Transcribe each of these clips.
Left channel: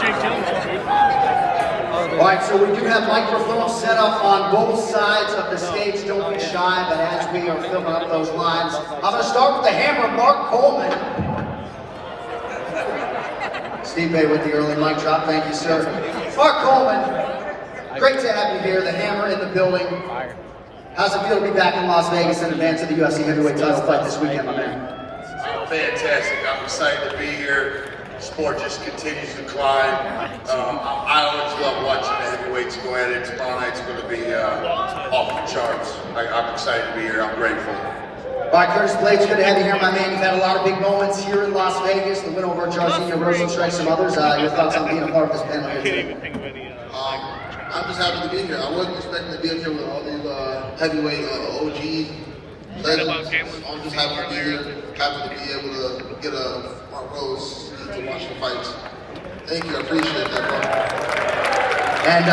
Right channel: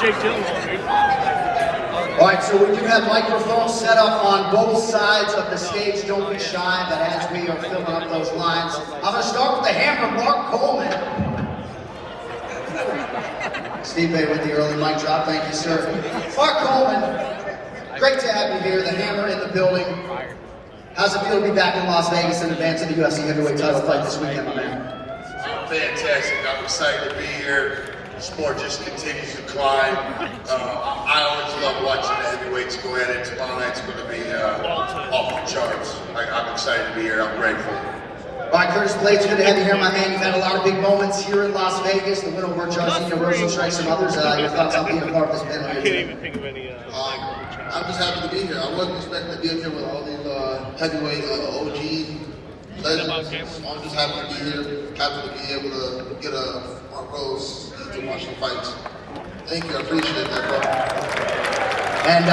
All right, so we do have microphones set up on both sides of the stage. Don't be shy, but as we are filling up those lines, I'm going to start with the hammer, Mark Coleman. Stipe with the early mic drop. Thank you, sir. Mark Coleman, great to have you here. The hammer in the building. How's it feel to be back in Las Vegas in advance of the UFC Heavyweight title fight this weekend, my man? Fantastic. I'm excited to be here. The sport just continues to climb. I always love watching the heavyweights go at it. Tomorrow night's going to be off the charts. I'm excited to be here. I'm grateful. All right, Curtis Blaydes, good to have you here, my man. You've had a lot of big moments here in Las Vegas. The win over Jairzinho, Rosenstrike, some others. Your thoughts on being a part of this panel here today? I'm just happy to be here. I wasn't expecting to be up here with all these heavyweight OG legends. I'm just happy to be here. Happy to be able to get a front rows to watch the fights. Thank you. I appreciate that, bro. And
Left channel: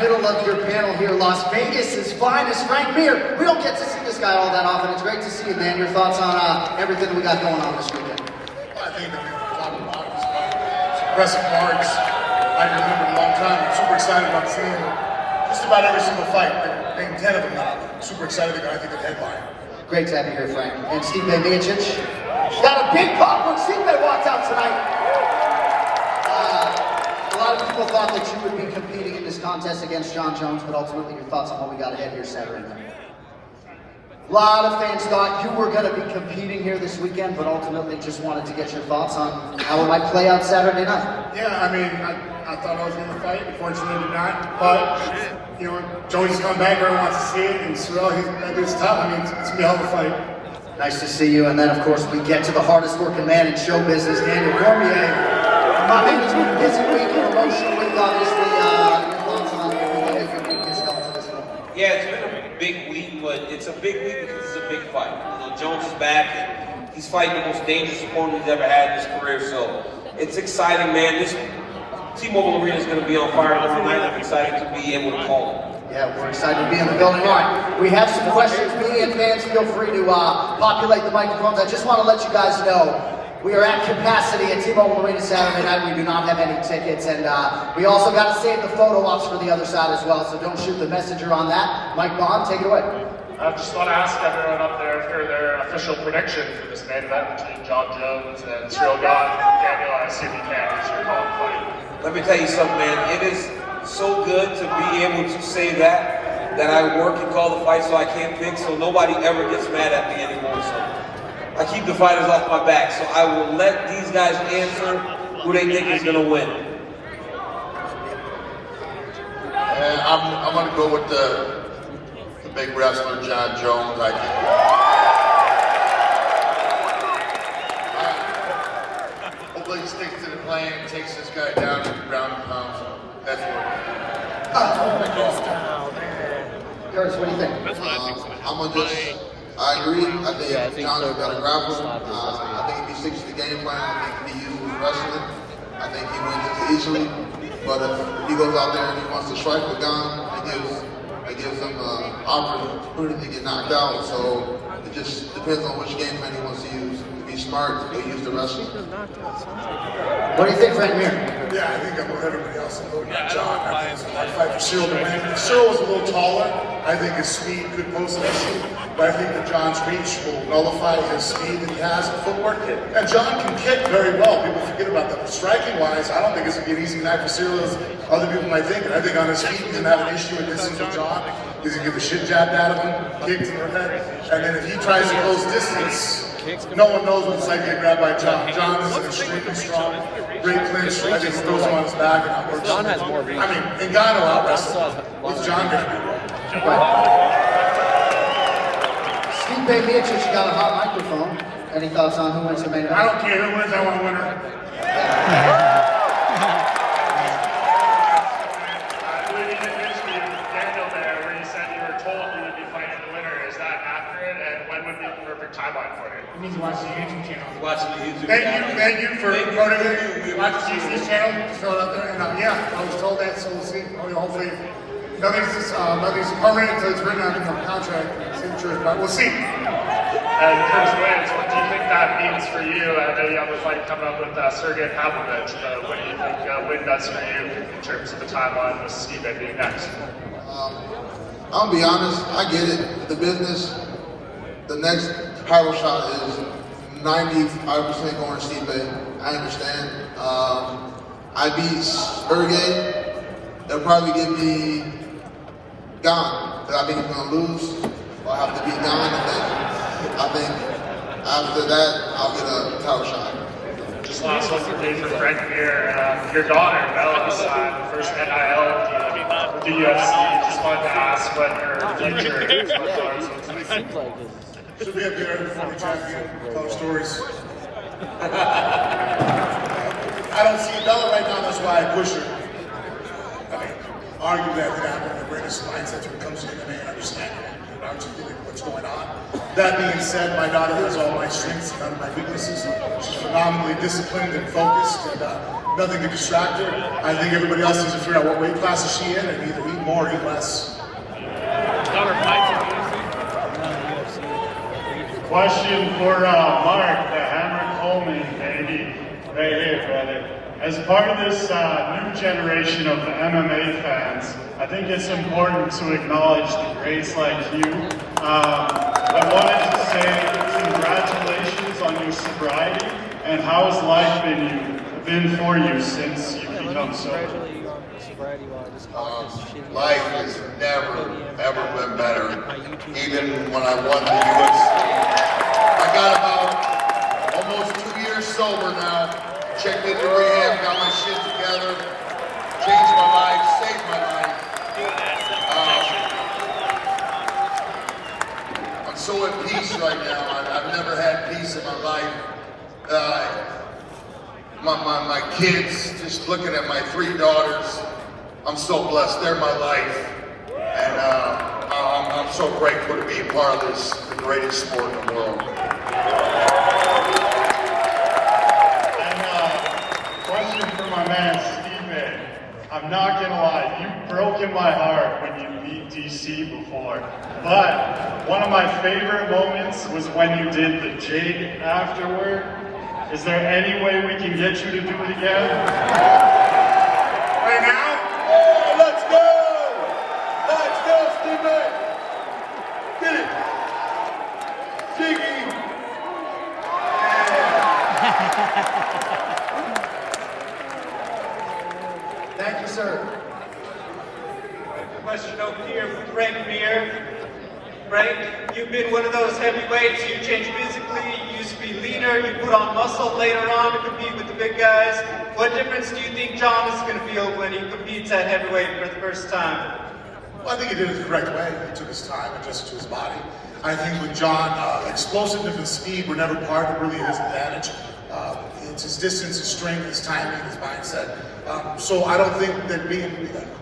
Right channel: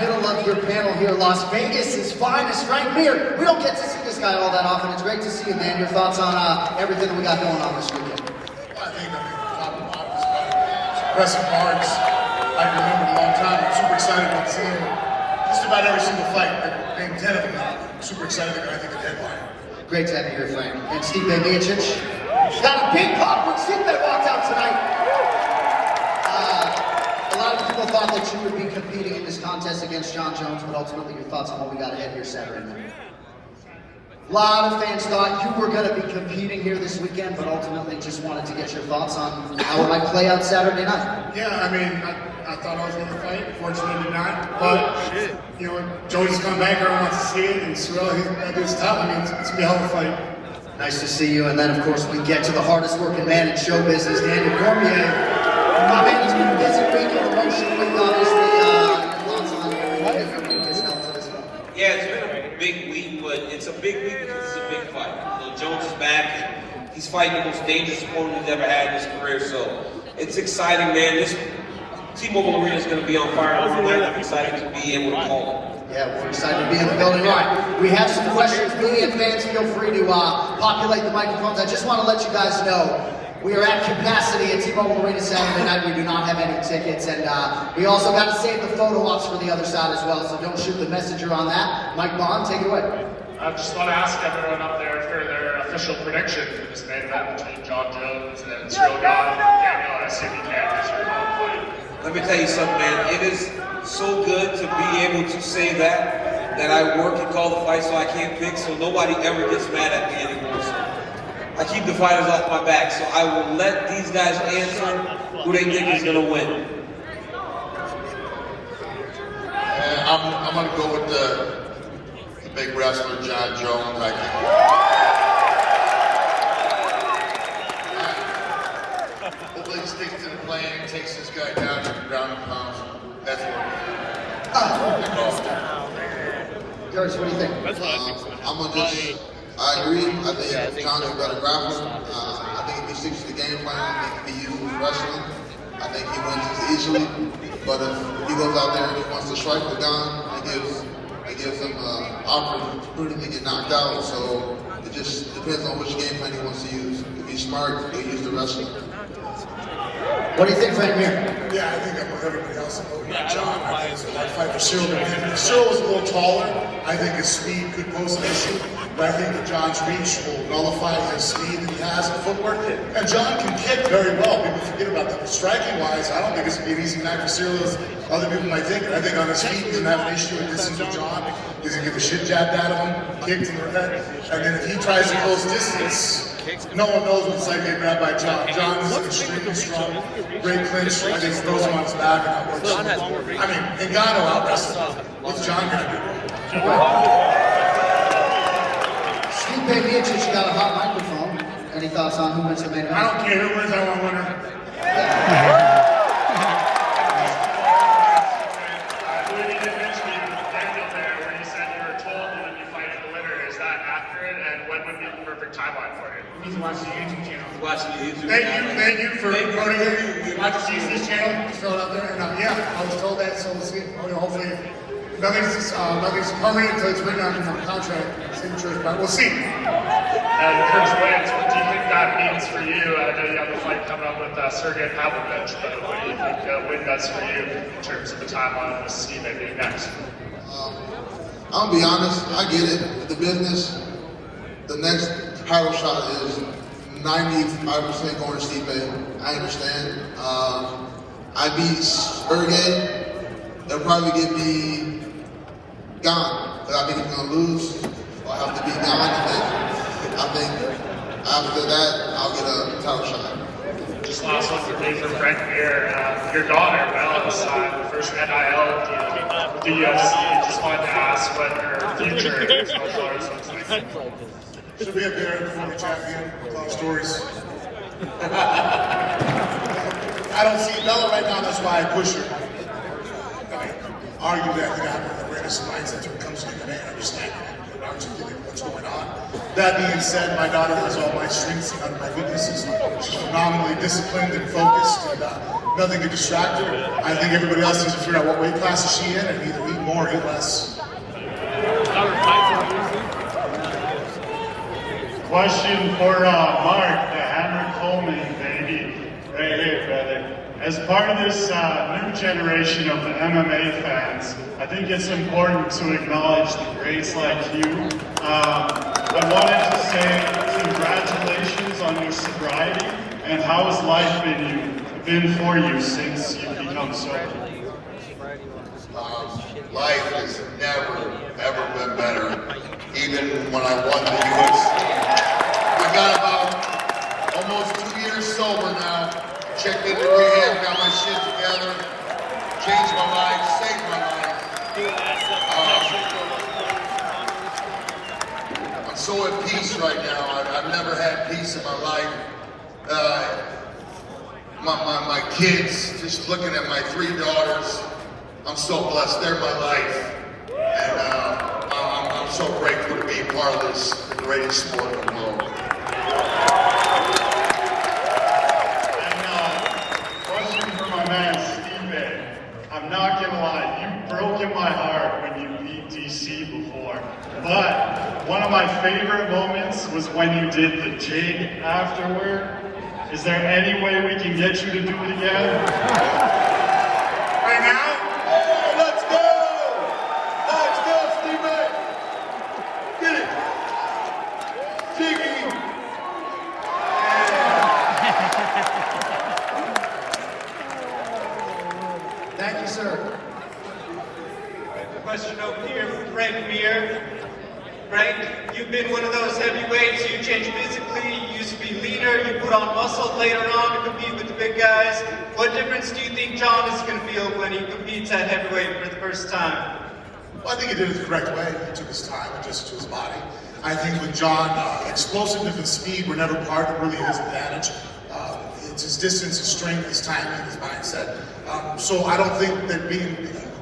middle of your panel here, Las Vegas' finest, Frank Mir. We don't get to see this guy all that often. It's great to see you, man. Your thoughts on everything that we got going on this weekend? Well, I think impressive cards. I can remember a long time. I'm super excited about seeing just about every single fight. Maybe 10 of them now. I'm super excited to go, I think, the headline. Great to have you here, Frank. And Stipe Miocic got a big pop when Stipe walked out tonight. A lot of people thought that you would be competing in this contest against Jon Jones, but ultimately your thoughts on what we got ahead here Saturday night. A lot of fans thought you were going to be competing here this weekend, but ultimately just wanted to get your thoughts on how it might play out Saturday night. Yeah, I mean, I thought I was going to fight. Unfortunately, not. But, you know, Joey's come back. Everyone wants to see it. And Cyril, that dude's tough. I mean, it's going to be a hell of a fight. Nice to see you. And then, of course, we get to the hardest working man in show business, Daniel Cormier. My man, it's been a busy week and emotional week, obviously. Yeah, it's been a big week, but it's a big week because it's a big fight. You know, Jones is back, and he's fighting the most dangerous opponent he's ever had in his career, so it's exciting, man. This T-Mobile Arena is going to be on fire tomorrow night. I'm excited to be able to call it. Yeah, we're excited to be in the building. All right, we have some questions. Media and fans, feel free to populate the microphones. I just want to let you guys know we are at capacity at T-Mobile Arena Saturday night. We do not have any tickets, and we also got to save the photo ops for the other side as well, so don't shoot the messenger on that. Mike Bond, take it away. I just want to ask everyone up there for their official prediction for this main event between Jon Jones and Cyril Gane. Daniel, I assume you can't because you're calling the fight. Let me tell you something, man. It is so good to be able to say that I work and call the fight so I can't pick, so nobody ever gets mad at me anymore. So I keep the fighters off my back, so I will let these guys answer who they think is going to win. And I'm going to go with the big wrestler, Jon Jones. I hopefully he sticks to the plan, takes this guy down to the ground and pounds. That's what that's all. Curtis, what do you think? I agree. I think Jon's a better grappler. I think if he sticks to the game plan, I think he uses wrestling. I think he wins this easily. But if he goes out there and he wants to strike with Gane, it gives him an opportunity to get knocked out. So it just depends on which game plan he wants to use. If he's smart, he'll use the wrestling. What do you think, Frank Mir? Yeah, I think I'm with everybody else. I'm voting on Jon. I think it's a hard fight for Cyril to win. If Cyril was a little taller, I think his speed could pose an issue. But I think that Jon's reach will nullify his speed that he has in footwork. And Jon can kick very well. People forget about that. But striking-wise, I don't think it's going to be an easy night for Cyril as other people might think. I think on his feet, he's going to have an issue with distance with Jon. He's going to get the shit jabbed out of him, kicked in the head. And then if he tries to close distance, no one knows what it's like getting grabbed by Jon. Jon is extremely strong, great clinch. I think he throws him on his back and that works. I mean, and Gane will out-wrestle. What's Jon going to do? Right. Stipe Miocic got a hot microphone. Any thoughts on who wins the main event? I don't care who wins, I want a winner. We didn't mention Daniel there when you said you were told you would be fighting the winner. Is that accurate? And when would be the perfect timeline for it? You need to watch the YouTube channel. Watching the YouTube. Thank you for motivating. Watch the YouTube channel. Just throw it up there. And yeah, I was told that, so we'll see. Hopefully, nothing's permanent until it's written on the contract signatures, but we'll see. And Curtis Blaydes, what do you think that means for you? I know you have a fight coming up with Sergey Pavlovich, but what do you think win does for you in terms of the timeline with Stipe being next? I'll be honest, I get it. The business, the next title shot is 95% going to Stipe. I understand. I beat Sergey. They'll probably give me Gane, because I think he's going to lose. I'll have to beat Gane, and then I think after that, I'll get a title shot. Just last one for me for Frank here. Your daughter, Bella, signed the first NIL deal with the UFC. Just wanted to ask what her future martial arts looks like. Should be a very former champion, telling stories. I don't see Bella right now, that's why I push her. I mean, arguably, I think I have one of the greatest mindsets when it comes to MMA and understanding and articulating what's going on. That being said, my daughter has all my strengths and none of my weaknesses. She's phenomenally disciplined and focused, and nothing can distract her. I think everybody else needs to figure out what weight class is she in and either eat more or eat less. Question for Mark, the Hammer Coleman, baby. Hey, brother. As part of this new generation of the MMA fans, I think it's important to acknowledge the greats like you. I wanted to say congratulations on your sobriety, and how has life been for you since you've become sober? Life has never, ever been better. Even when I won the UFC. I got about almost 2 years sober now. Checked into rehab, got my shit together, changed my life, saved my life. I'm so at peace right now. I've never had peace in my life. My kids, just looking at my 3 daughters, I'm so blessed. They're my life. And I'm so grateful to be a part of this, the greatest sport in the world. Question for my man Stipe. I'm not gonna lie, you've broken my heart when you beat DC before. But one of my favorite moments was when you did the jig afterward. Is there any way we can get you to do it again? Right now? Yeah, let's go! Let's go, Stipe! Get it! Jiggy! Thank you, sir. Question over here for Frank Mir. Frank, you've been one of those heavyweights. You changed physically. You used to be leaner. You put on muscle later on to compete with the big guys. What difference do you think John is going to feel when he competes at heavyweight for the first time? Well, I think he did it the correct way. He took his time, adjusted to his body. I think with John, explosiveness and speed were never part of really his advantage. It's his distance, his strength, his timing, his mindset. So I don't think that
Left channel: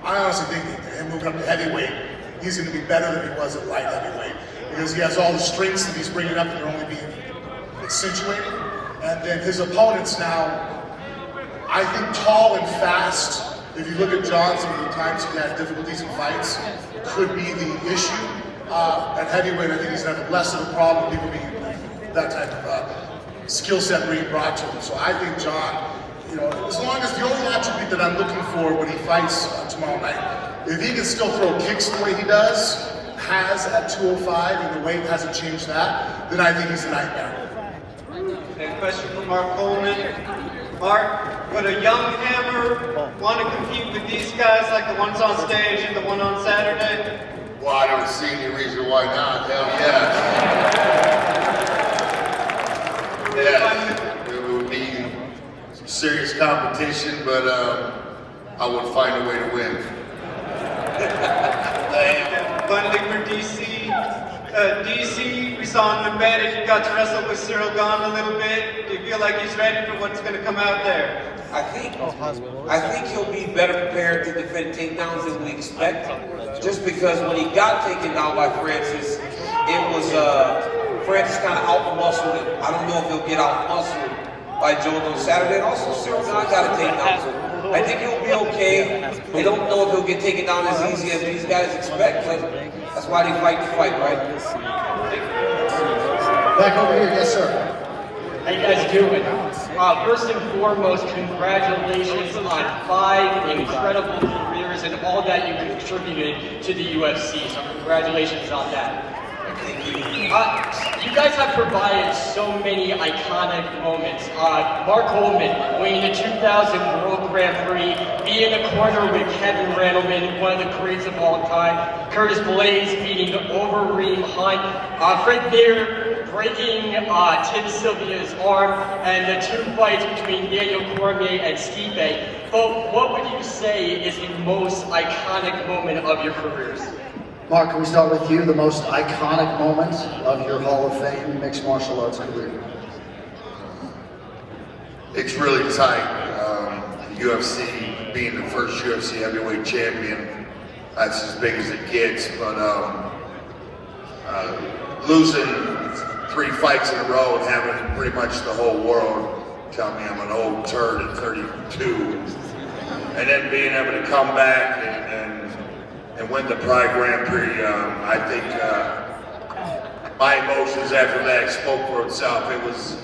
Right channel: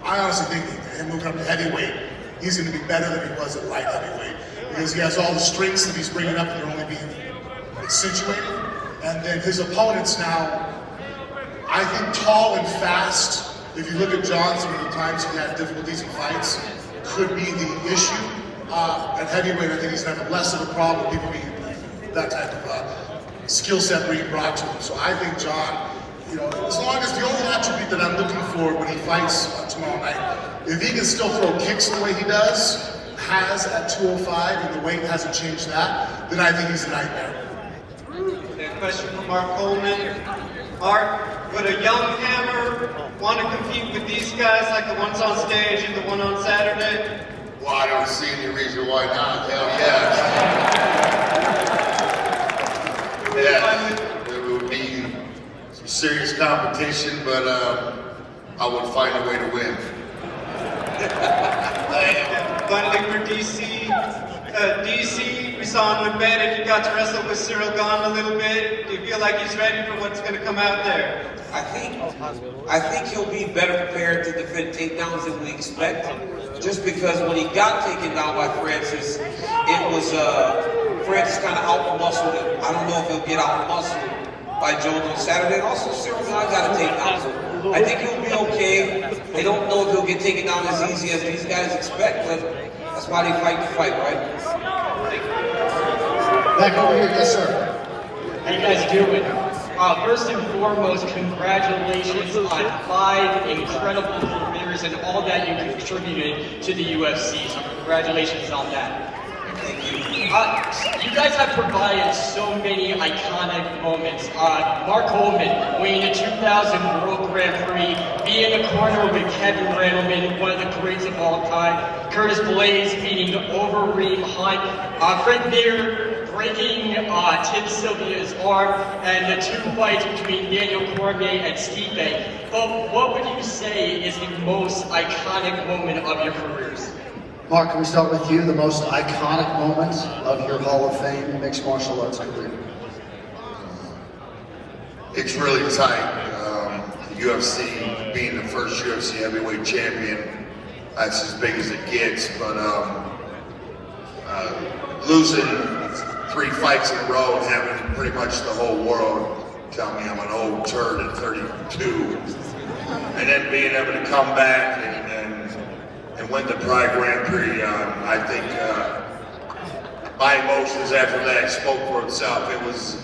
I honestly think him moving up to heavyweight, he's going to be better than he was at light heavyweight, because he has all the strengths that he's bringing up, and they're only being accentuated. And then his opponents now, I think tall and fast. If you look at John, some of the times he had difficulties in fights, could be the issue. At heavyweight, I think he's going to have less of a problem, people being that type of skill set being brought to him. So I think John, as long as the only attribute that I'm looking for when he fights tomorrow night, if he can still throw kicks the way he has at 205, and the weight hasn't changed that, then I think he's a nightmare. A question from Mark Coleman. Mark, would a young Hammer want to compete with these guys like the ones on stage and the one on Saturday? Well, I don't see any reason why not. Hell yes. Yeah, there would be some serious competition, but I would find a way to win. Finally for DC. DC, we saw him with Blaydes. You got to wrestle with Cyril Gane a little bit. Do you feel like he's ready for what's going to come out there? I think he'll be better prepared to defend takedowns than we expect. Just because when he got taken down by Francis, it was Francis kind of out-muscled him. I don't know if he'll get out-muscled by Jones on Saturday. And also Cyril Gane got a takedown, so I think he'll be okay. I don't know if he'll get taken down as easy as these guys expect, but that's why they fight the fight, right? Back over here, yes, sir. How you guys doing? First and foremost, congratulations on 5 incredible careers and all that you contributed to the UFC. So congratulations on that. Thank you. You guys have provided so many iconic moments. Mark Coleman winning the 2000 World Grand Prix, being in the corner with Kevin Randleman, one of the greats of all time. Curtis Blaydes beating Overeem Hunt. Fred Beer breaking Tim Sylvia's arm, and the 2 fights between Daniel Cormier and Stipe. But what would you say is the most iconic moment of your careers? Mark, can we start with you? The most iconic moment of your Hall of Fame mixed martial arts career? It's really tight. UFC, being the first UFC Heavyweight champion, that's as big as it gets. But losing 3 fights in a row and having pretty much the whole world tell me I'm an old turd at 32, and then being able to come back and win the Pride Grand Prix, I think my emotions after that spoke for itself. It was,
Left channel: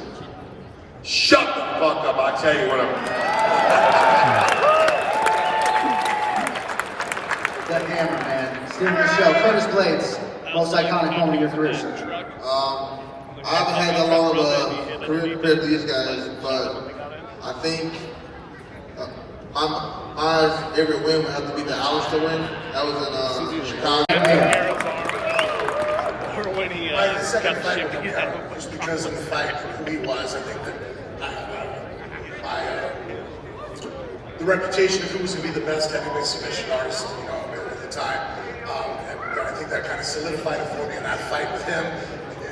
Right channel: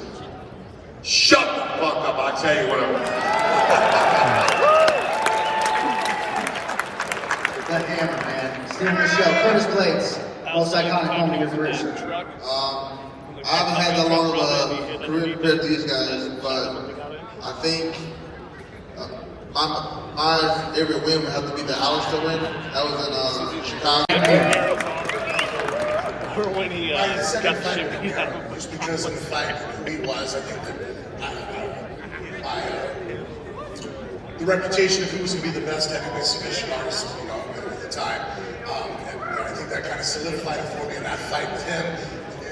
shut the fuck up, I'll tell you what I'm... That hammer, man. Stipe Miocic, Curtis Blaydes, most iconic moment of your career, sir. I haven't had that long of a career compared to these guys, but I think my favorite win would have to be the Alistair win. That was in Chicago. Or when he got shipped, just because of the fight who he was. I think that the reputation of who was going to be the best heavyweight submission artist, you know, at the time, and I think that kind of solidified it for me in that fight with him.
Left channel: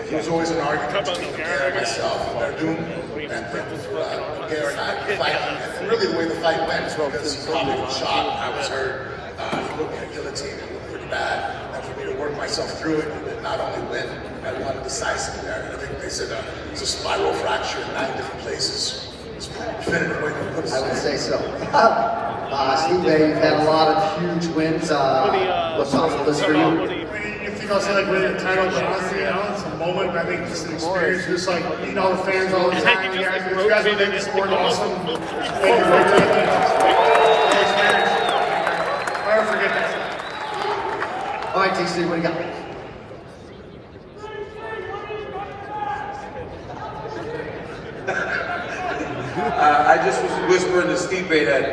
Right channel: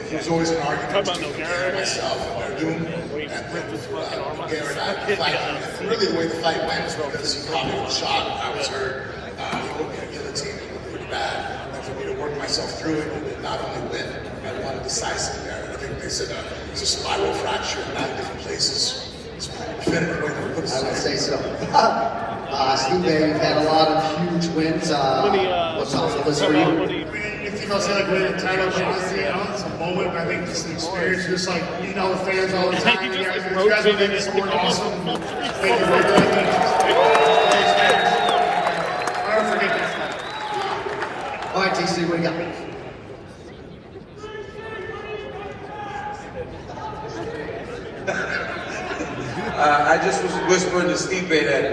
He was always an argument between Gare and myself, and Verdun, and Gare and I fighting. And really the way the fight went is because he probably was shot, I was hurt, he put me in a guillotine, it looked pretty bad. And for me to work myself through it and not only win, I won decisively there. And I think they said it's a spiral fracture in 9 different places. It's a pretty definitive way to put it. I would say so. Stipe, you've had a lot of huge wins. What's on the list for you? You know, say like winning a title, but honestly, you know, it's a moment, but I think just an experience, just like meeting all the fans all the time. You guys have made the sport awesome. Thank you, Victor. I think it's an experience. I'll never forget that. All right, TC, what do you got? I just was whispering to Stipe that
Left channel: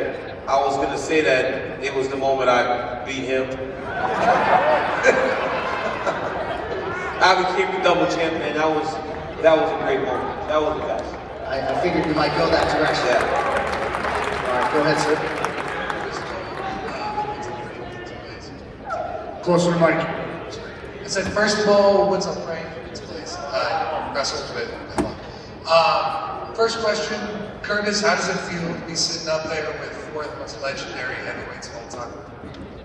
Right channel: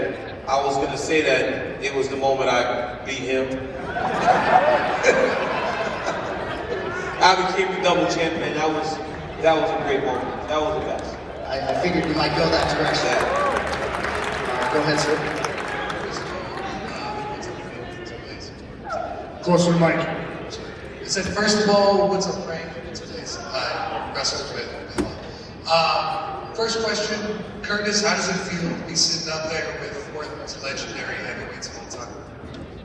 I was going to say that it was the moment I beat him. I became the double champion. That was a great moment. That was the best. I figured you might go that direction. Yeah. All right, go ahead, sir. Closer to Mike. I said, first of all, what's up, Frank? It's Blaydes. I wrestled with first question, Curtis, how does it feel to be sitting up there with 4 of the most legendary heavyweights of all time?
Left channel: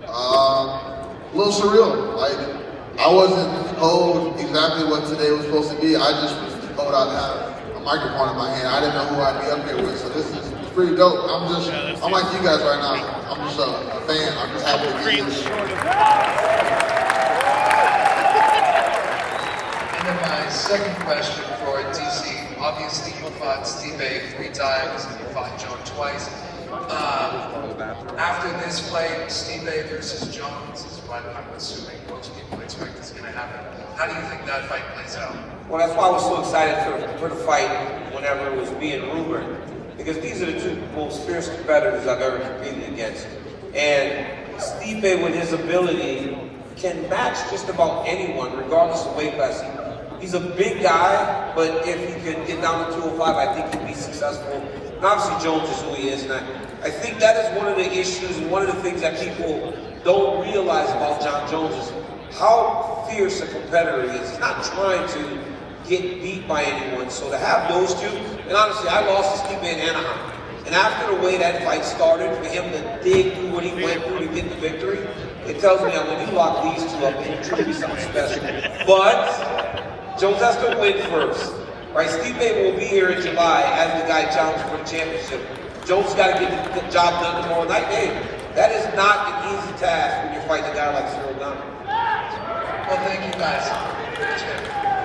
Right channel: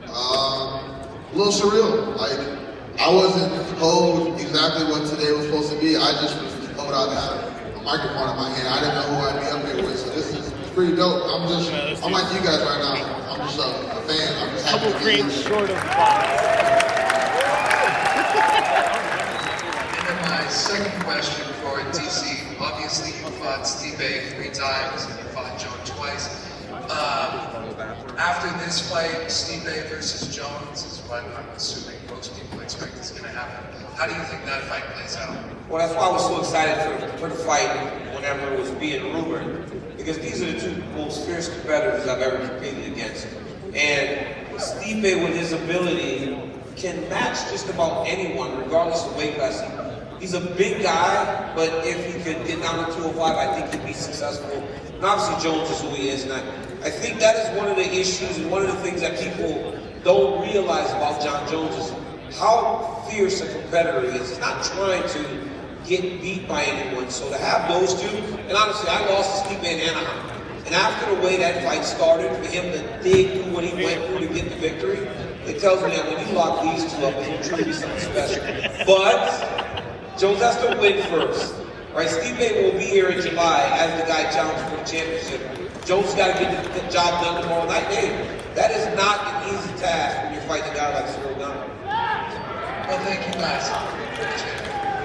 A little surreal. I wasn't told exactly what today was supposed to be. I just was told I'd have a microphone in my hand. I didn't know who I'd be up here with, so this is pretty dope. I'm like you guys right now. I'm just a fan. I'm just happy to be here. And then my second question for TC. Obviously, you fought Stipe 3 times and you fought John twice. After this fight, Stipe versus Jones is what I'm assuming most people expect is going to happen. How do you think that fight plays out? Well, that's why I was so excited for the fight whenever it was being rumored. Because these are the 2 most fierce competitors I've ever competed against. And Stipe, with his ability, can match just about anyone, regardless of weight class. He's a big guy, but if he could get down to 205, I think he'd be successful. And obviously Jones is who he is, and I think that is one of the issues and one of the things that people don't realize about John Jones is how fierce a competitor he is. He's not trying to get beat by anyone. So to have those 2, and honestly, I lost to Stipe in Anaheim. And after the way that fight started, for him to dig through what he went through to get the victory, it tells me that when you lock these 2 up, it's truly something special. But Jones has to win first. Right? Stipe will be here in July as the guy challenging for the championship. Jones got to get the job done tomorrow night. Hey, that is not an easy task when you're fighting a guy like Cyril Gane. Well, thank you guys.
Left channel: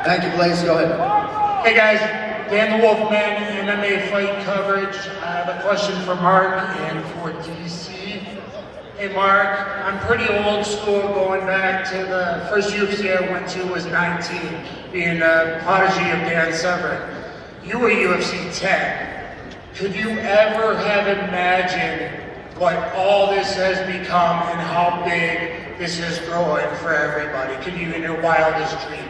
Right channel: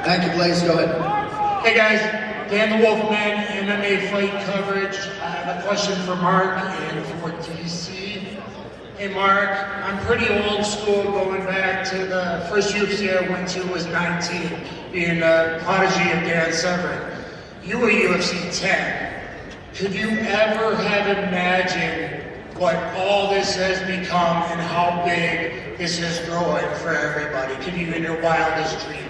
Thank you, Blaydes. Go ahead. Hey guys, Dan the Wolfman, MMA fight coverage. I have a question for Mark and for DC. Hey Mark, I'm pretty old school, going back to the first UFC I went to was 19, being a prodigy of Dan Severn. You were UFC 10. Could you ever have imagined what all this has become and how big this is growing for everybody? Could you, in your wildest dreams?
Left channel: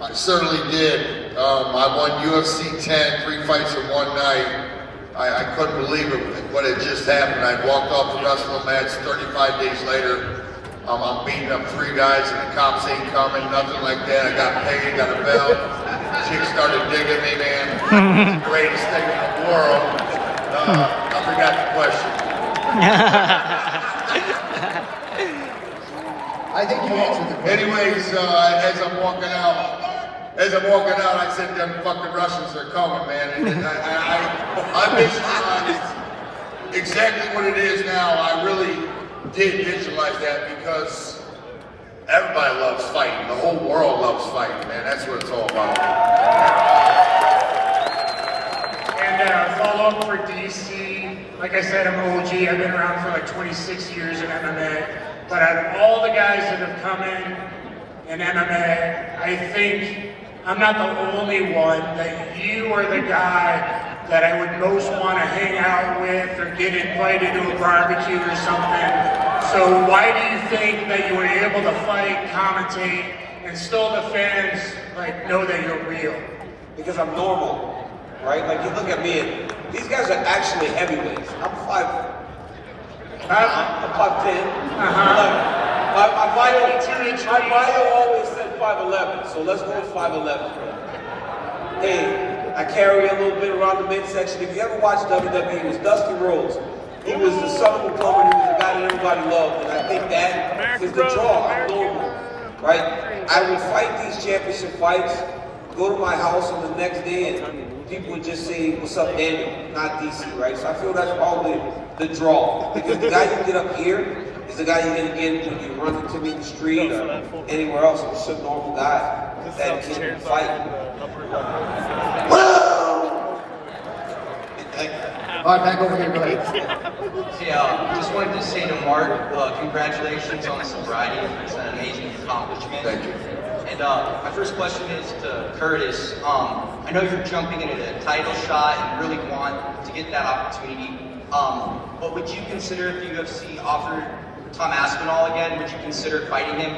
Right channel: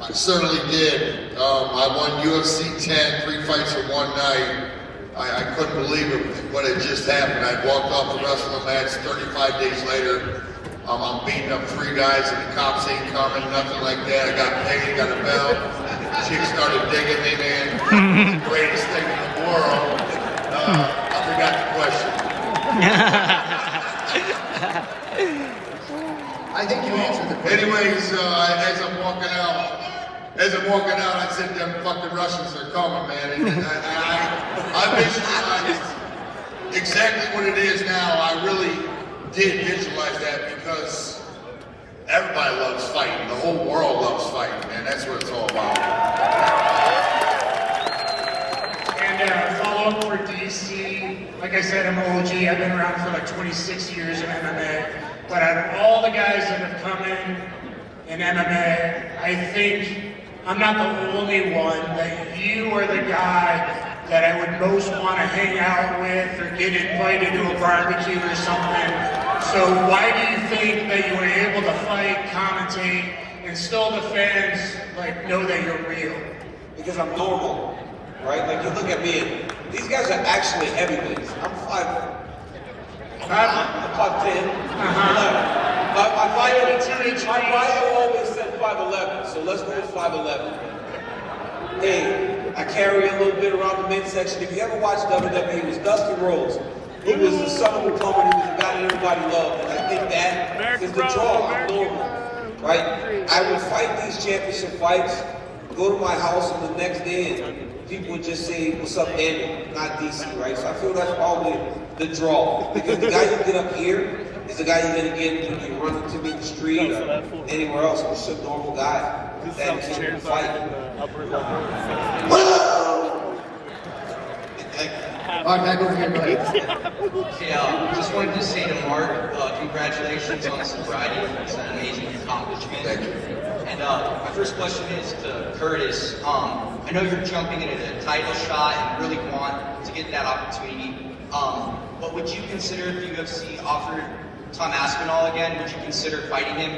I certainly did. I won UFC 10, 3 fights in one night. I couldn't believe it, what had just happened. I walked off the wrestling match 35 days later. I'm beating up 3 guys and the cops ain't coming, nothing like that. I got paid, got a belt. Chicks started digging me, man. Greatest thing in the world. I forgot the question. I think you answered the question. Anyways, as I'm walking out, I said, them fucking Russians are coming, man. And I visualized exactly what it is now. I really did visualize that because everybody loves fighting. The whole world loves fighting, man. That's what it's all about. And follow up for DC. Like I said, I'm OG. I've been around for like 26 years in MMA. But out of all the guys that have come in MMA, I think I'm not the only one that you are the guy that I would most want to hang out with or get invited to a barbecue or something. So why do you think that you were able to fight, commentate, and still the fans like know that you're real? Because I'm normal, right? Like you look at me and these guys are actually heavyweights. I'm 5'10". My bio always said 5'11", so let's go with 5'11". Hey, I carry a little bit around the midsection. If you ever watched WWE, it was Dusty Rhodes. He was the son of Coleman. He was the guy that everybody loved, and I think that is the draw. I'm normal, right? I would fight these championship fights, go to my house on the next day, and people would just say, "What's up, Daniel?" Not DC, right? So I feel that's probably the draw, because the guy you get up here is the guy you're gonna get when you run into me in the street or anywhere else. I'm just a normal guy that can fight. All right, back over here, go ahead. Hey, just wanted to say to Mark, congratulations on the sobriety. It's an amazing accomplishment. Thank you. And my first question is to Curtis. I know you're jumping into the title shot and really want to get that opportunity. But would you consider if the UFC offered Tom Aspinall again, would you consider fighting him?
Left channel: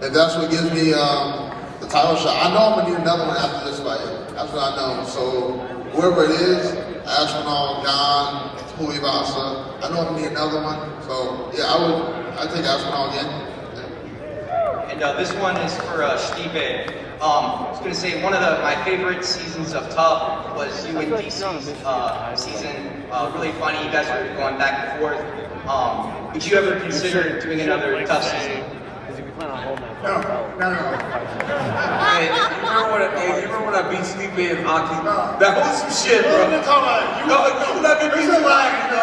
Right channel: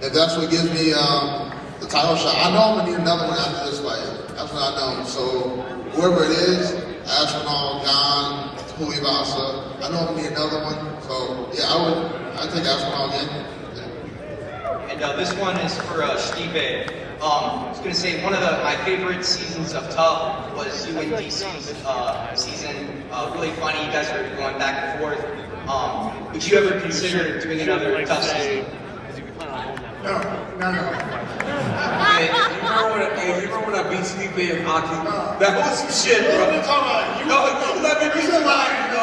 If that's what gives me the title shot, I know I'm gonna need another one after this fight. That's what I know. So whoever it is, Aspinall, Gane, Tuivasa, I know I'm gonna need another one. So yeah, I'd take Aspinall again. Yeah. And this one is for Stipe. I was going to say one of my favorite seasons of Tough was you and DC's season. Really funny. You guys were going back and forth. Would you ever consider doing another Tough season? No. Hey, you remember when I beat Stipe in hockey? That was some shit, bro. You let me beat you in hockey, bro.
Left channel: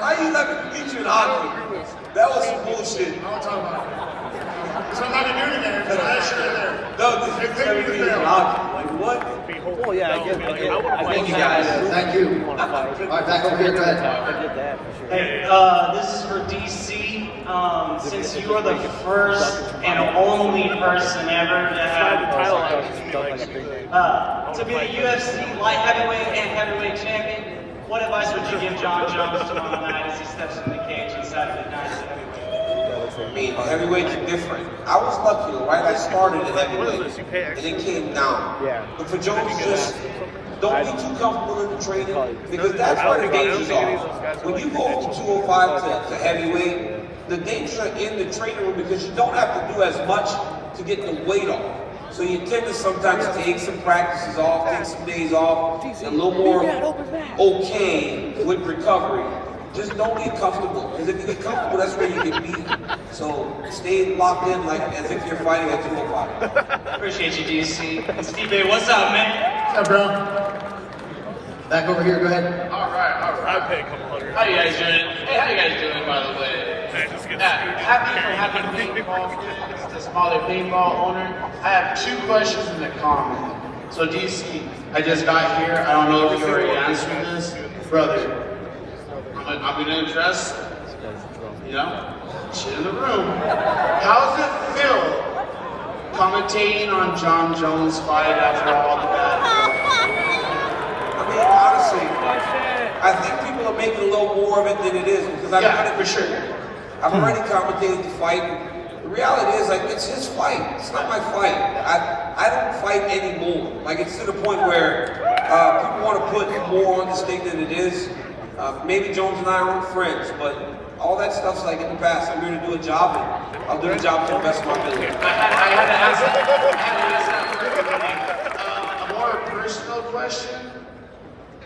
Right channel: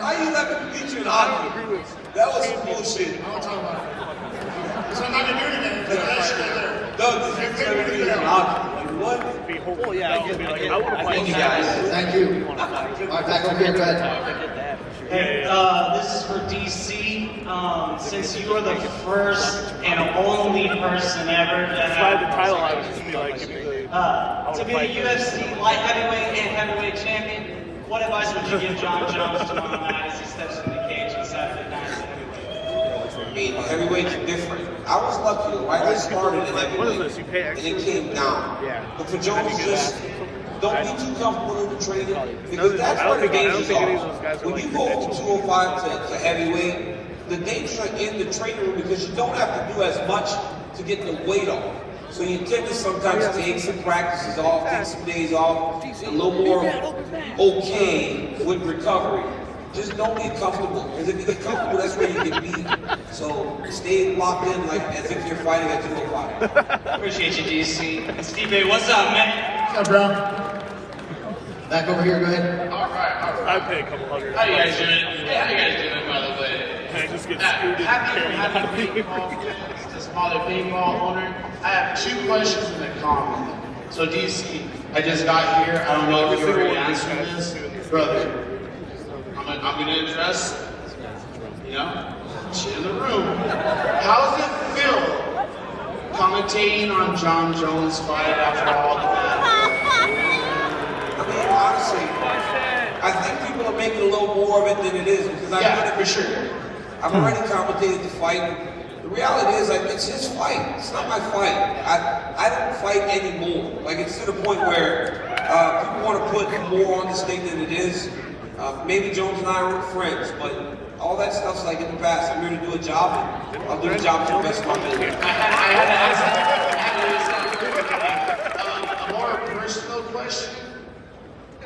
How you let me beat you in hockey? That was some bullshit. I'm talking about. So I'm not gonna do it again. It's actually there. No, just let me beat you in hockey. Like what? Thank you guys. Thank you. All right, back over here, go ahead. Hey, this is for DC. Since you are the first and only person ever to have the title, I would just be like, to be the UFC light heavyweight and heavyweight champion, what advice would you give John Jones to him as he steps in the cage on Saturday night as a heavyweight? I mean, heavyweights are different. I was lucky, right? I started in heavyweight, and it came down. But for Jones, just don't be too comfortable in the training, because that's where the dangers are. When you go from 205 to heavyweight, the dangers are in the training room because you don't have to do as much to get the weight off. So you tend to sometimes take some practices off, take some days off, a little more okay with recovery. Just don't get comfortable, because if you get comfortable, that's where you get beat. So stay locked in like as if you're fighting at 205. Appreciate you, DC. And Stipe, what's up, man? What's up, bro? Back over here, go ahead. All right. I'd pay a couple hundred. How you guys doing? Hey, how you guys doing, by the way? Happy paintball, the smaller paintball owner. I have 2 questions in the comment. So DC, I just got here. I don't know if you already answered this, brother. I'm gonna address, shit in the room. How does it feel commentating on John Jones' fight after all the bad? I mean, honestly, I think people are making a little more of it than it is because I've done it for sure. I've already commentated the fight. The reality is, like, it's his fight. It's not my fight. I don't fight anymore. Like, it's to the point where people want to put more on this thing than it is. Maybe Jones and I aren't friends, but all that stuff's like in the past. I'm here to do a job, and I'll do the job to the best of my ability. I had to ask that for a more personal question.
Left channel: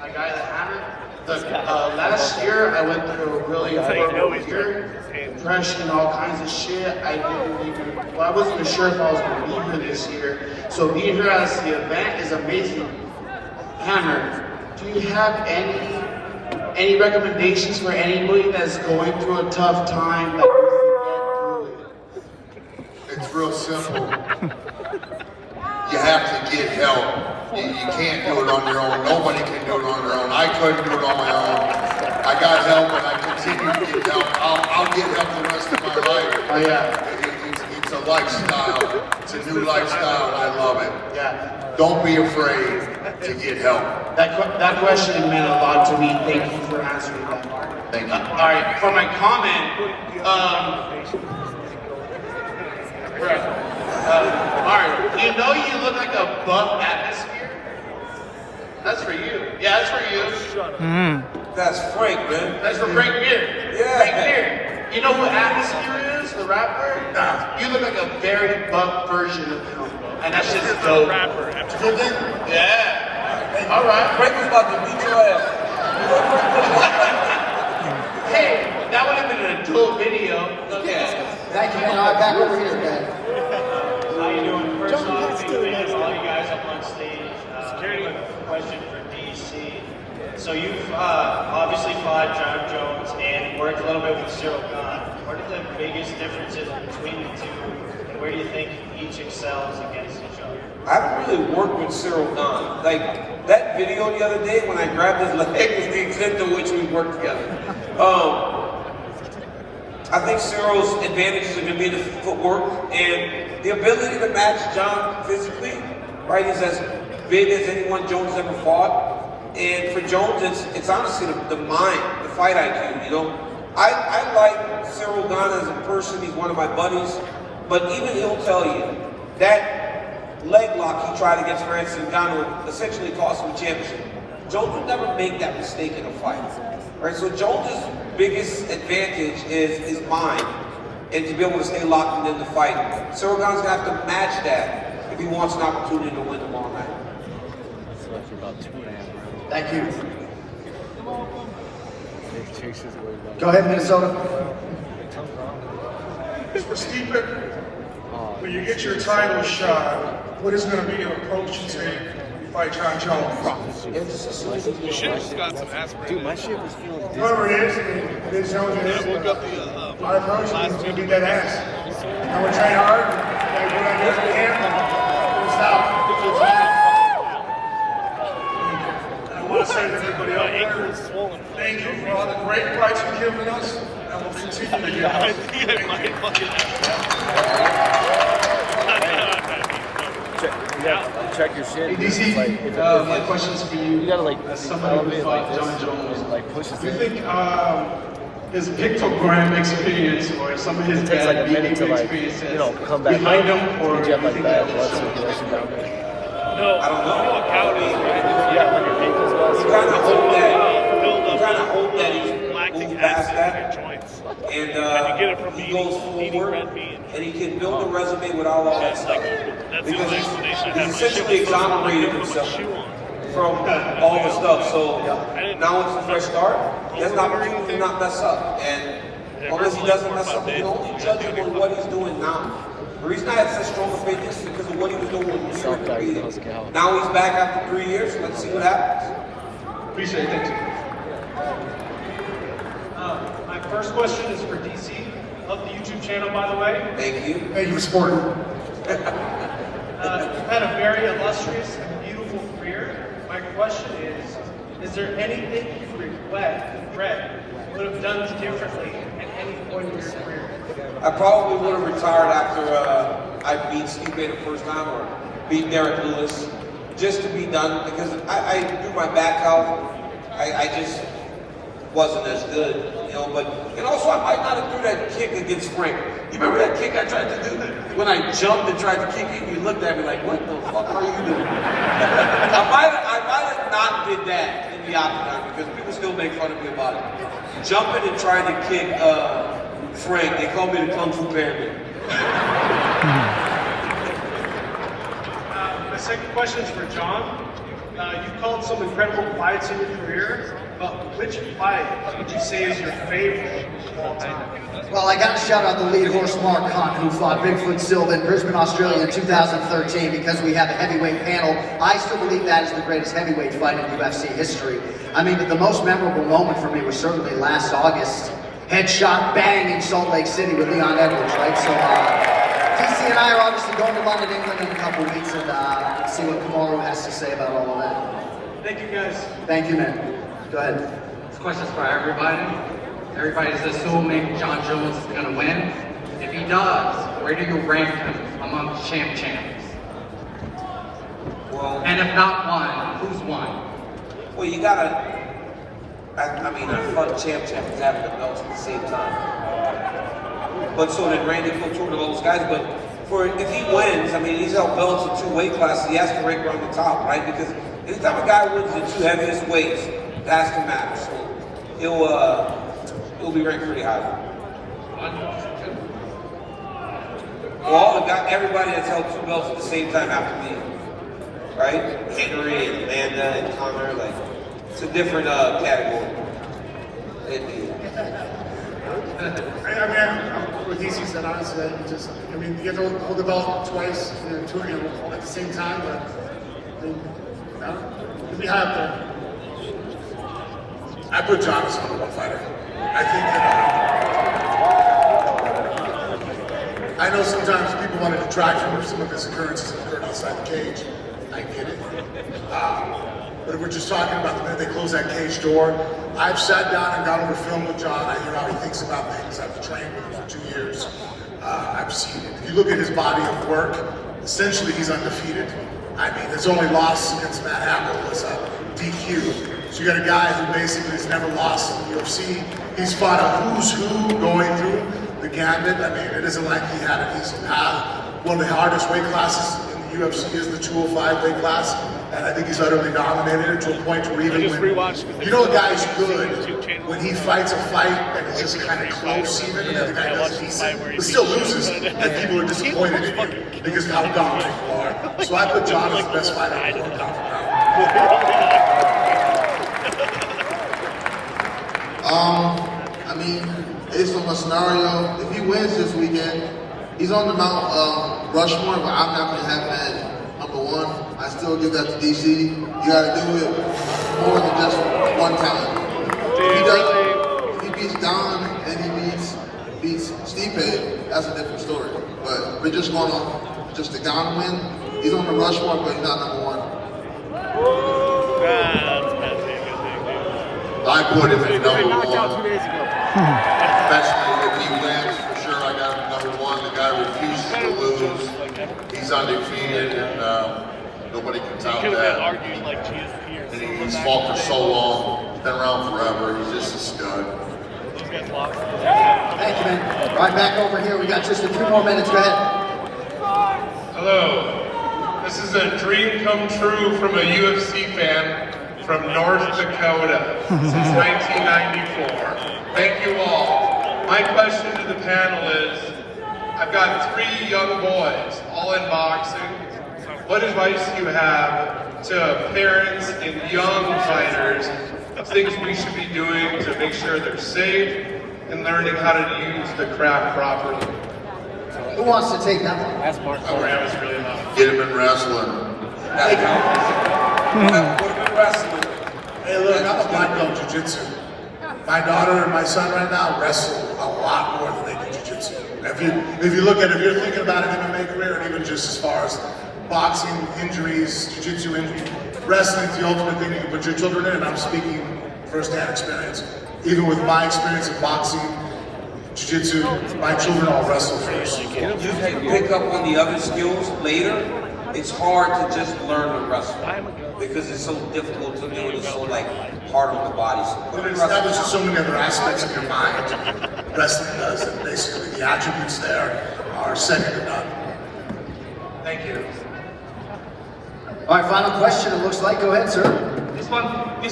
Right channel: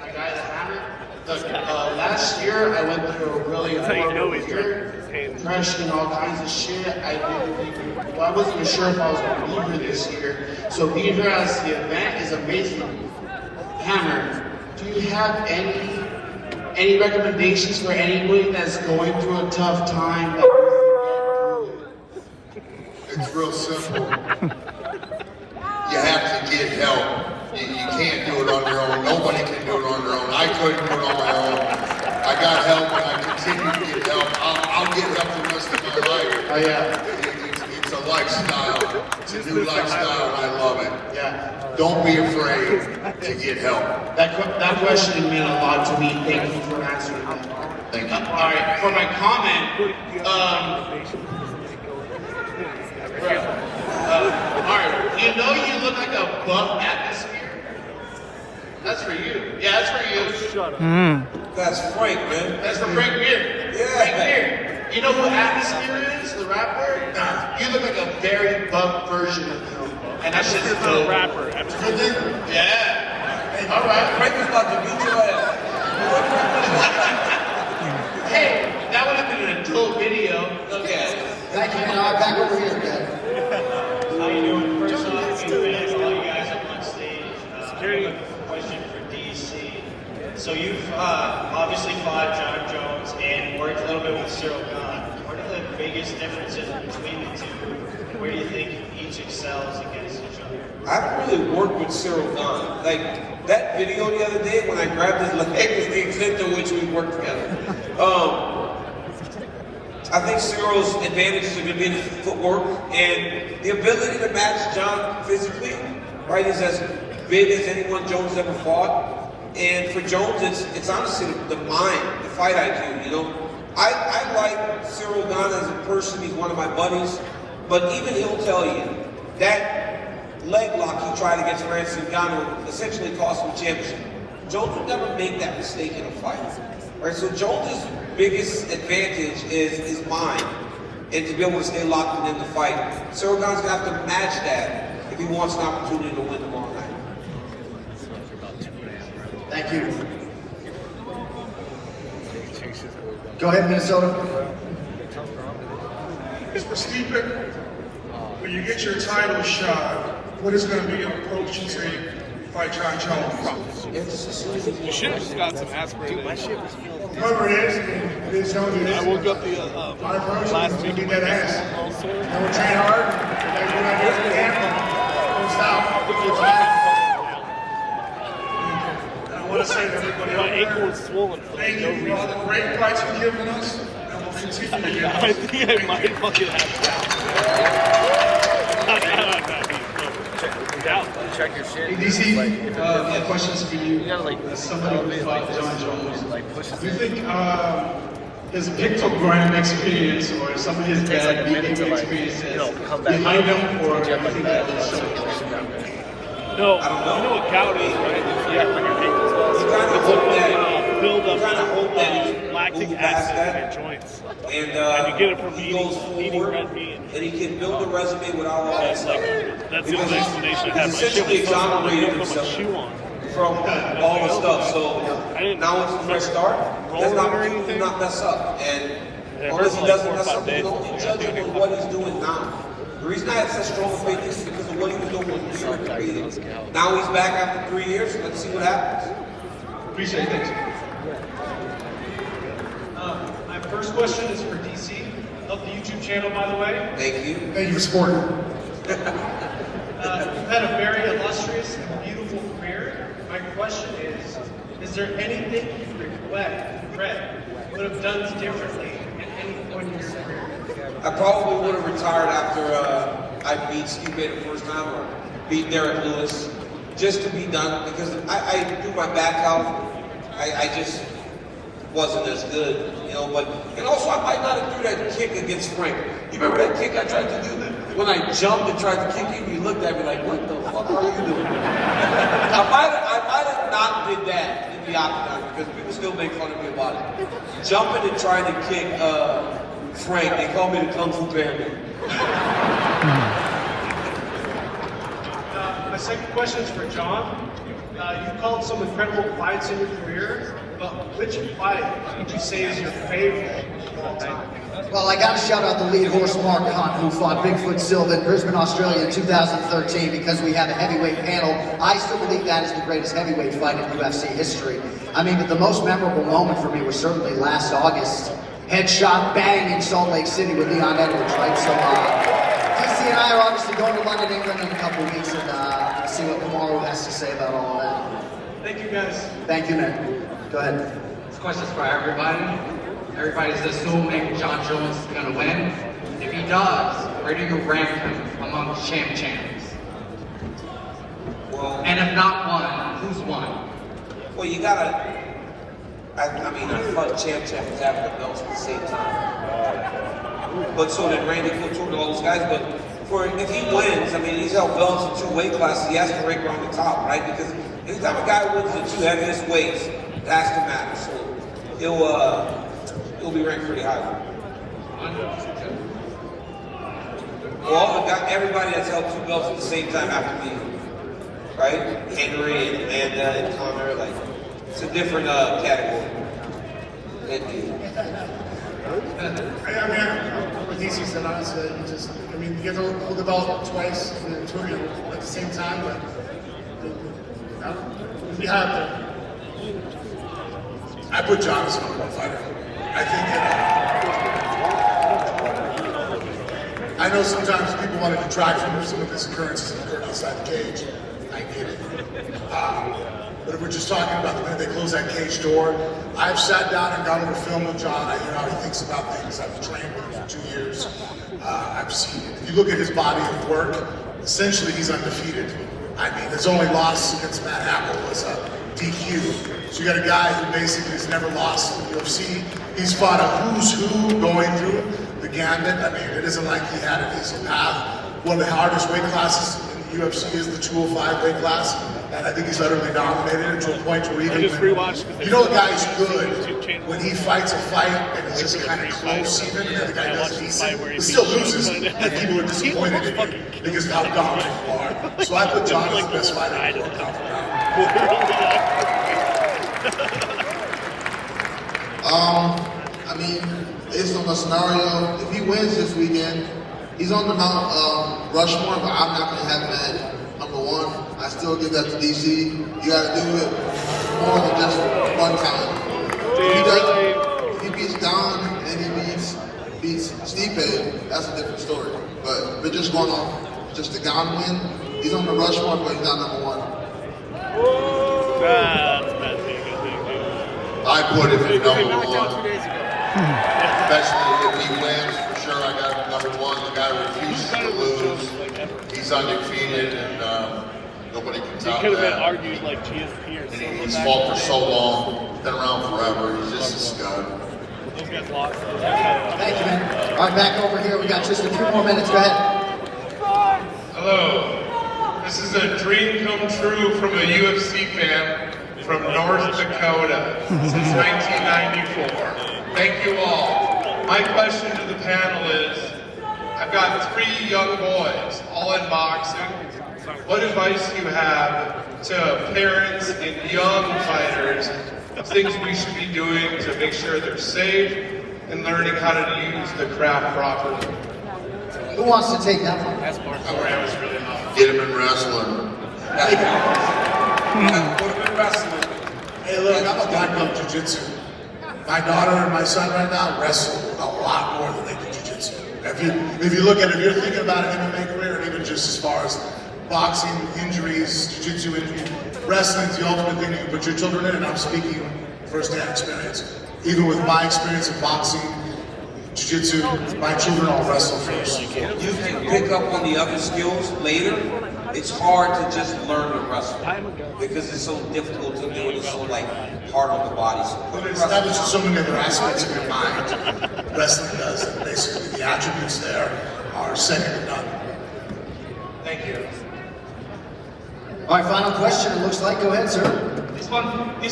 My guy, the Hammer. Look, last year I went through a really horrible year, depression, all kinds of shit. I wasn't even sure if I was going to be here this year. So being here at the event is amazing. Hammer, do you have any recommendations for anybody that's going through a tough time that needs to get through it? It's real simple. You have to get help. You can't do it on your own. Nobody can do it on their own. I couldn't do it on my own. I got help and I continue to get help. I'll get help the rest of my life. Oh yeah. It's a lifestyle. It's a new lifestyle and I love it. Yeah. Don't be afraid to get help. That question meant a lot to me. Thank you for answering that. Thank you. All right, for my comment, Mark, you know you look like a buff atmosphere? That's for you. Yeah, that's for you. Shut up. That's Frank, man. That's for Frank Beard. Yeah. Frank Beard. You know who Atmosphere is, the rapper? You look like a very buff version of him. And that shit's dope. Rapper. Yeah. All right. Frank was about to beat your ass. Hey, that would have been an adult video. Okay. Thank you, man. All right, back over here, guys. How you doing? First off, big fan of all you guys up on stage. I have a question for DC. So you've obviously fought John Jones and worked a little bit with Cyril Gane. What are the biggest differences between the two, and where do you think each excels against each other? I haven't really worked with Cyril Gane. Like, that video the other day when I grabbed his leg was the extent to which we worked together. I think Cyril's advantages are going to be in the footwork and the ability to match John physically. Right, he's as big as anyone Jones ever fought. And for Jones, it's honestly the mind, the fight IQ. You know, I like Cyril Gane as a person. He's one of my buddies. But even he'll tell you that leg lock he tried against Francis Ngannou would essentially cost him a championship. Jones would never make that mistake in a fight. Right, so Jones's biggest advantage is his mind and to be able to stay locked in the fight. Cyril Gane's gonna have to match that if he wants an opportunity to win tomorrow night. Thank you. Go ahead, Minnesota. For Stipe, when you get your title shot, what is going to be your approach to take you fight John Jones? You should have got some aspirated. Whoever it is, Liz Jones it is. Our approach is going to be that ass. And we'll train hard, and we're going to do what we can. We'll stop. I want to say to everybody out there, thank you for all the great fights you've given us, and we'll continue to give us. Hey DC, my question's for you. As somebody who fought John Jones, do you think his pictogram experience or some of his bad behavior experiences behind him, or do you think he has so much? No, I don't know. You know what Coward is, right? You kind of hope that he's moved past that. And he goes forward, and he can build a resume without all that stuff. Because he's essentially exonerated himself from all the stuff. So now it's a fresh start. He has an opportunity to not mess up. And unless he doesn't mess up, we can only judge him on what he's doing now. The reason I have such strong faith is because of what he was doing when we were competing. Now he's back after 3 years. Let's see what happens. Appreciate it. Thank you. My first question is for DC. Love the YouTube channel, by the way. Thank you. Thank you for supporting. You've had a very illustrious and beautiful My question is there anything you regret would have done differently at any point in your career? I probably would have retired after I beat Stipe the first time or beat Derek Lewis, just to be done, because I do my back out. I just wasn't as good, you know, and also I might not have threw that kick against Frank. You remember that kick I tried to do? When I jumped and tried to kick you, you looked at me like, what the fuck are you doing? I might have not did that in the octagon, because people still make fun of me about it. Jumping and trying to kick Frank, they call me the Kung Fu Panda. My second question is for John. You've called some incredible fights in your career, but which fight would you say is your favorite of all time? Well, I got to shout out the lead horse, Mark Hunt, who fought Bigfoot Silva in Brisbane, Australia in 2013, because we have a heavyweight panel. I still believe that is the greatest heavyweight fight in UFC history. I mean, but the most memorable moment for me was certainly last August. Headshot bang in Salt Lake City with Leon Edwards, right? So, DC and I are obviously going to London, England in a couple of weeks, and see what Kamaru has to say about all of that. Thank you, guys. Thank you, man. Go ahead. This question's for everybody. Everybody's assuming John Jones is going to win. If he does, where do you rank him among champs? Well, and if not one, who's won? Well, you gotta. I mean, I fought champ was having the belts at the same time. But so did Randy Couture and all those guys. But if he wins, I mean, he's held belts in 2 weight classes. He has to rank around the top, right? Because anytime a guy wins the 2 heaviest weights, it has to matter. So he'll be ranked pretty high. Well, everybody that's held 2 belts at the same time after me, right? Henry and Amanda and Connor, like. It's a different category. Thank you. I mean, what DC said, honestly, you get to hold the belt twice, at the same time, but you'll be high up there. I put John as the #1 fighter. I think that I know sometimes people want to detract from some of his occurrences that occurred outside the cage. I get it. But if we're just talking about the minute they close that cage door, I've sat down and gone over film with John. I hear how he thinks about things. I've trained with him for 2 years. I've seen it. If you look at his body of work, essentially he's undefeated. I mean, his only loss against Matt Hamill was a DQ. So you got a guy who basically has never lost in the UFC. He's fought a who's who going through the gambit. I mean, it isn't like he had an easy path. One of the hardest weight classes in the UFC is the 205 weight class. And I think he's utterly dominated to a point where even when, you know, a guy's good when he fights a fight and it's just kind of close even, and the guy does decent, but still loses, and people are disappointed in you because of how dominant you are. So I put John as the best fighter in the world pound for pound. I mean, based on the scenario, if he wins this weekend, he's on the Mount Rushmore, but I'm not going to have him at #1. I still give that to DC. You got to do it more than just one time. If he beats Gane and he beats Stipe, that's a different story. But we're just going off just the Gane win. He's on the Rushmore, but he's not #1. That's bad take, I think, dude. I put him at #1. Especially if he wins, for sure I got him #1. The guy refuses to lose. He's undefeated, and nobody can top Could have been that. argued like GSP or And Silva he's back fought in for the so day. long, been around forever. He's just a stud. Those guys lost. Thank you, man. All right, back over here. We got just a few more minutes. Go ahead. Hello. This is a dream come true from a UFC fan from North Dakota since 1994. Thank you all. My question to the panel is, I've got 3 young boys, all in boxing. What advice do you have to parents and young fighters of things we should be doing to make sure they're safe and learning how to use the craft properly? Who wants to take that one? Oh, Ram is really loud. Get him in wrestling. Hey, look, I'm a black belt jiu-jitsu. My daughter and my son right now wrestle a lot more than they do jiu-jitsu. If you look at it, if you're thinking about an MMA career, and even just as far as boxing injuries, jiu-jitsu injuries. Wrestling's the ultimate thing you can put your children in, and I'm speaking firsthand experience. Even with my experience in boxing, jiu-jitsu, my children all wrestle first. You can pick up on the other skills later. It's hard to just learn to wrestle because it's so difficult to do it. It's so like part of the body. But it establishes so many other aspects of your mind. Wrestling does, and basically the attributes there are second to none. Thank you. All right, final question. It looks like. Go ahead, sir. This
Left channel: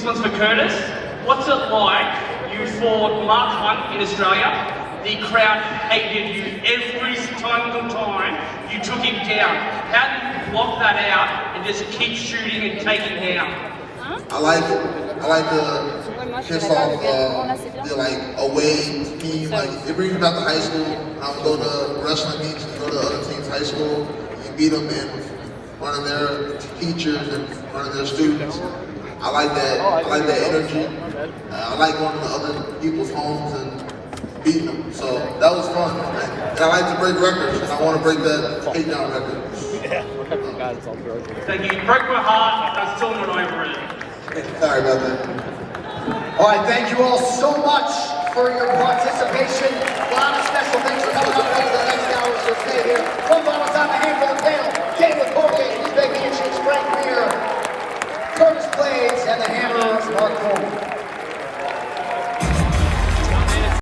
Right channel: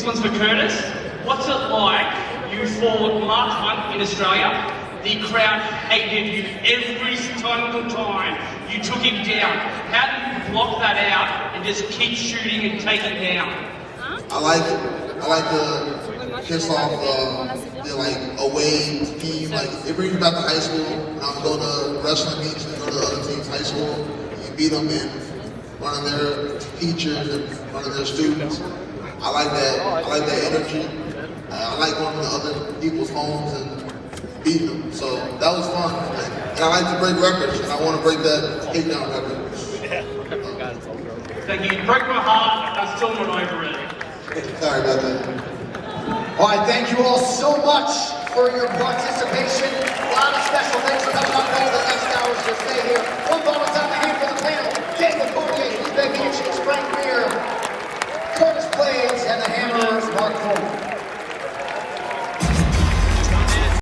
one's for Curtis. What's it like? You fought Mark Hunt in Australia. The crowd hated you every single time you took him down. How do you block that out and just keep shooting and taking down? I like to piss off the like away team. Like it brings me back to high school. I would go to wrestling meets, you go to the other team's high school, you beat them in front of their teachers and in front of their students. I like that. I like that energy. I like going to other people's homes and beating them. So that was fun. And I like to break records, and I want to break that takedown record. Thank you. You broke my heart. I'm still not over it. Sorry about that. All right, thank you all so much for your participation. A lot of special things are coming up over the next hours, so stay here. One final time, a hand for the panel. Gane, Coleman, Stipe Miocic, Frank Mir, Curtis Blaydes, and the Hammer, Mark Coleman.